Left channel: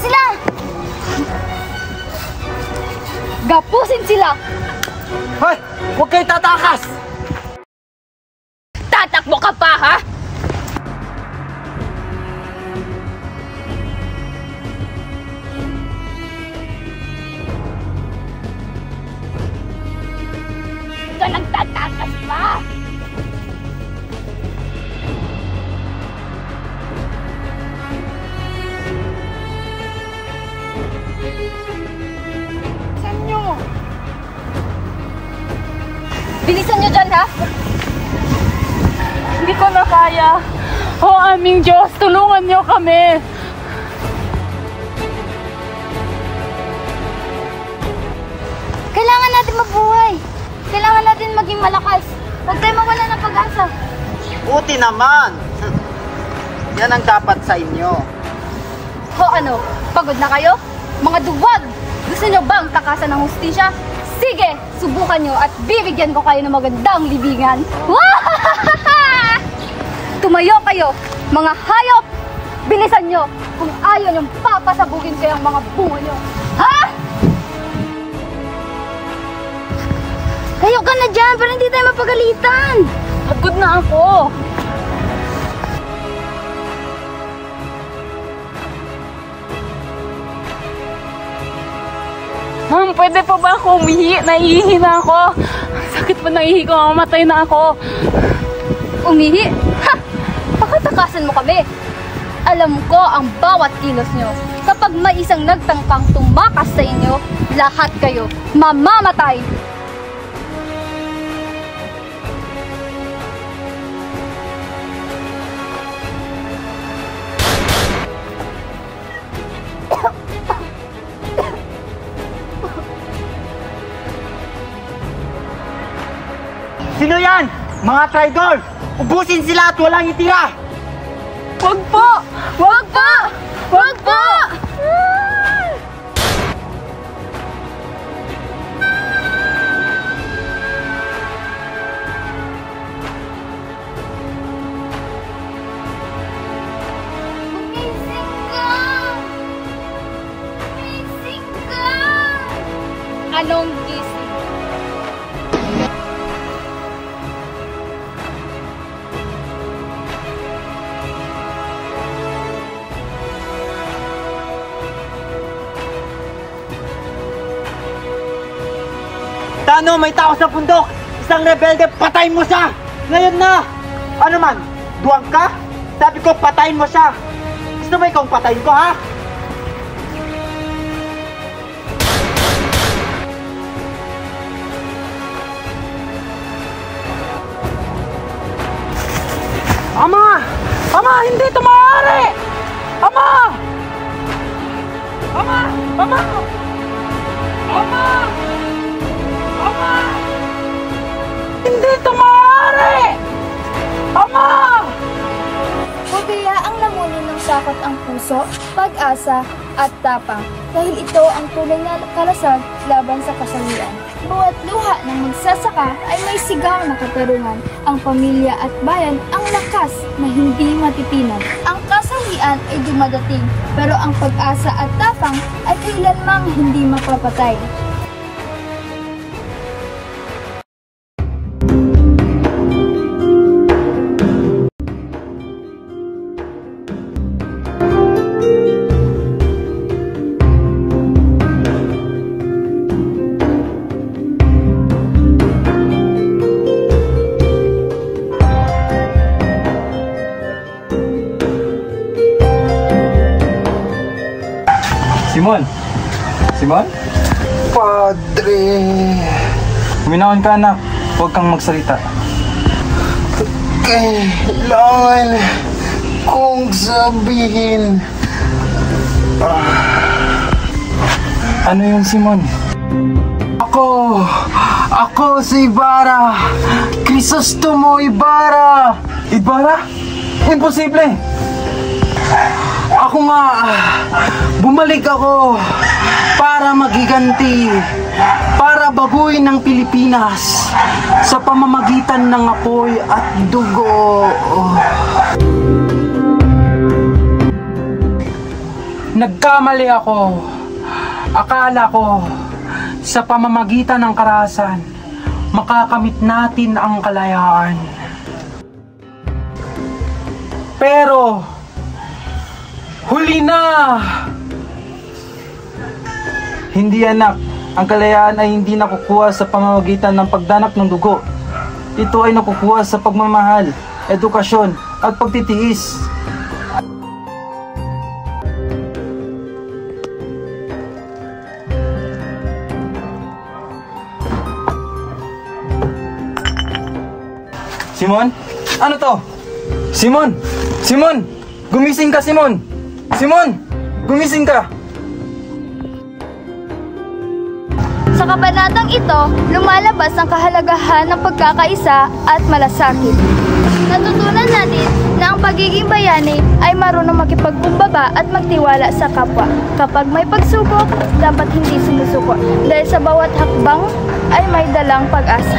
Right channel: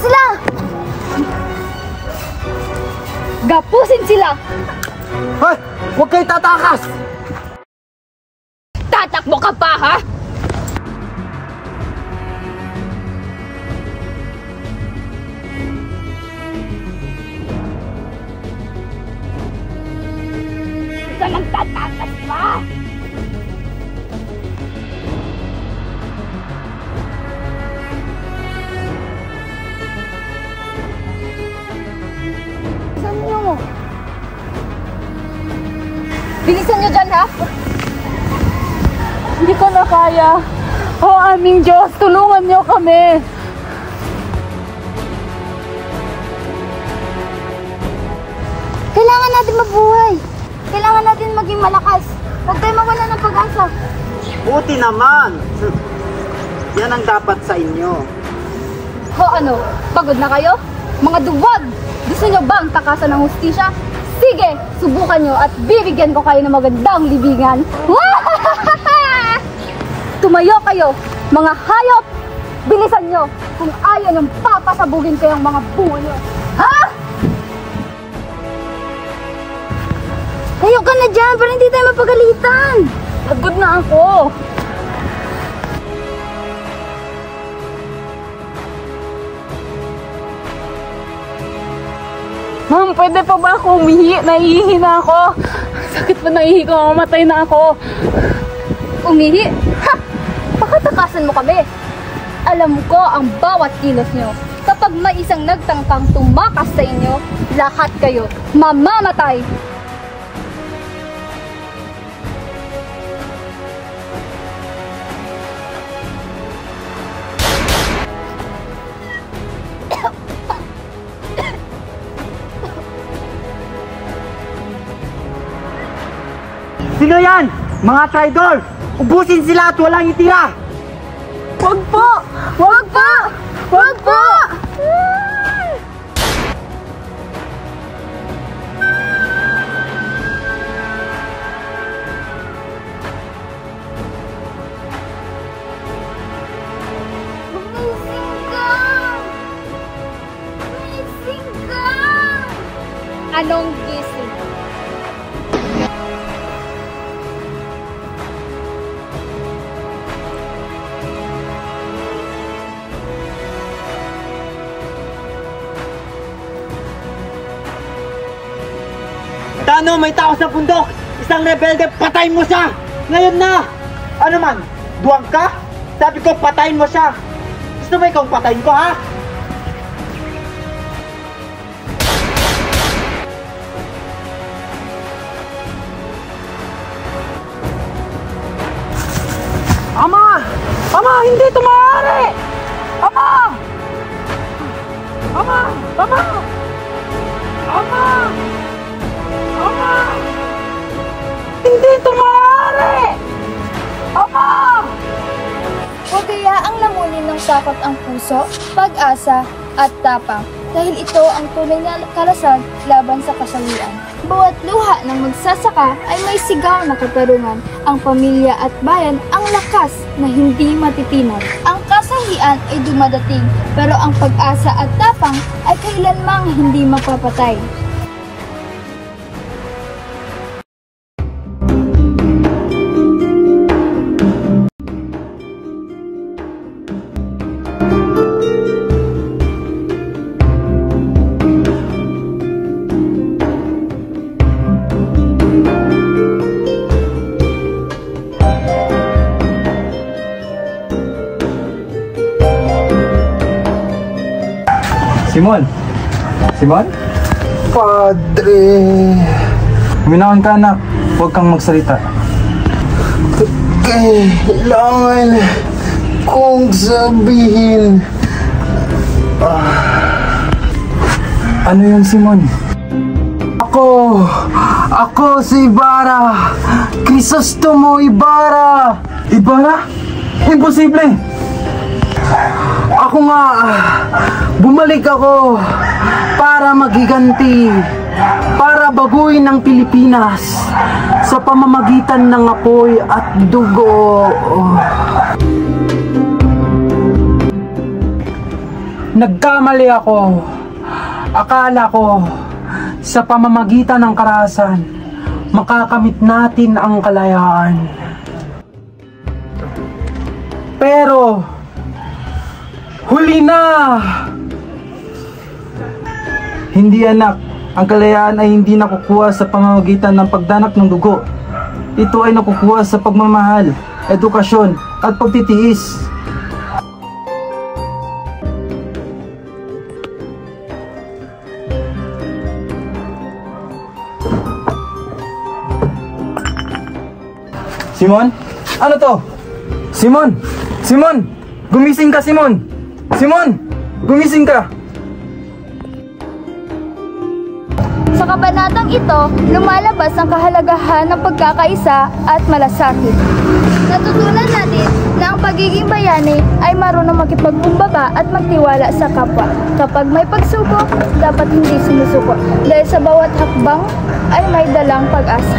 sila! Gapusin sila! Hoy! Huwag kayo tatakas! Tatakbo ka pa, ha? Huwag ka nang tatakas pa! Saan nyo? Bilisan nyo dyan, ha? Hindi ko na kaya. O aming Diyos, tulungan niyo kami. Kailangan natin mabuhay. Kailangan natin maging malakas. Huwag tayo mawala ng pag-asa. Buti naman! Yan ang dapat sa inyo. Ho, ano? Pagod na kayo? Mga duwag! Gusto nyo bang takasan ng hustisya? Sige, subukan nyo at bibigyan ko kayo ng magandang libingan. Tumayo kayo, mga hayop! Bilisan nyo kung ayaw nyong papasabugin kayong mga bungo nyo. Ha? Tayo ka na dyan para hindi tayo mapagalitan. Pagod na ako. Ma'am, pwede pa ba ako umihi? Naiihi na ako. Sakit pa naiihi ko, mamatay na ako. Umihi? Ha! Pakatakasan mo kami. Alam ko ang bawat kilos nyo. Kapag may isang nagtangkang tumakas sa inyo, lahat kayo mamamatay. Sino yan? Mga traidor! Ubusin sila at walang itira! Wag po! Wag po! Wag po! Gumising ka! Gumising ka! Anong gising? Tano, may tao sa bundok! Isang rebelde, patayin mo siya! Ngayon na! Ano man? Duwang ka? Sabi ko, patayin mo siya! Gusto mo ikaw patayin ko, ha? Ama! Ama! Hindi ito maaari! Ama! Ama! Ama! Ama! Ama! Hindi ito maaari! Ama! O kaya ang lamunin ng takot ang puso, pag-asa at tapang dahil ito ang tunay na kalasag laban sa kasawian. Bawat luha ng magsasaka ay may sigaw na katarungan. Ang pamilya at bayan ang lakas na hindi matitinag. Ang kasawian ay dumadating, pero ang pag-asa at tapang ay kailanmang hindi mapapatay. Simon? Simon? Padre! Huminahon ka, anak. Huwag kang magsalita. Kailangan kong sabihin. Ano yung Simon? Ako si Ibarra! Crisostomo Ibarra! Ibarra? Imposible! Ako nga, bumalik ako para maghiganti, para baguhin ang Pilipinas sa pamamagitan ng apoy at dugo. Nagkamali ako. Akala ko sa pamamagitan ng karahasan, makakamit natin ang kalayaan. Pero, huli na! Hindi anak, ang kalayaan ay hindi nakukuha sa pamamagitan ng pagdanap ng dugo. Ito ay nakukuha sa pagmamahal, edukasyon at pagtitiis. Simon? Ano to? Simon! Simon! Gumising ka, Simon! Simon! Gumising ka! Sa kabanatang ito, lumalabas ang kahalagahan ng pagkakaisa at malasakit. Natutunan natin na ang pagiging bayani ay marunong makipagkumbaba at magtiwala sa kapwa. Kapag may pagsubok, dapat hindi sumusuko dahil sa bawat hakbang ay may dalang pag-asa.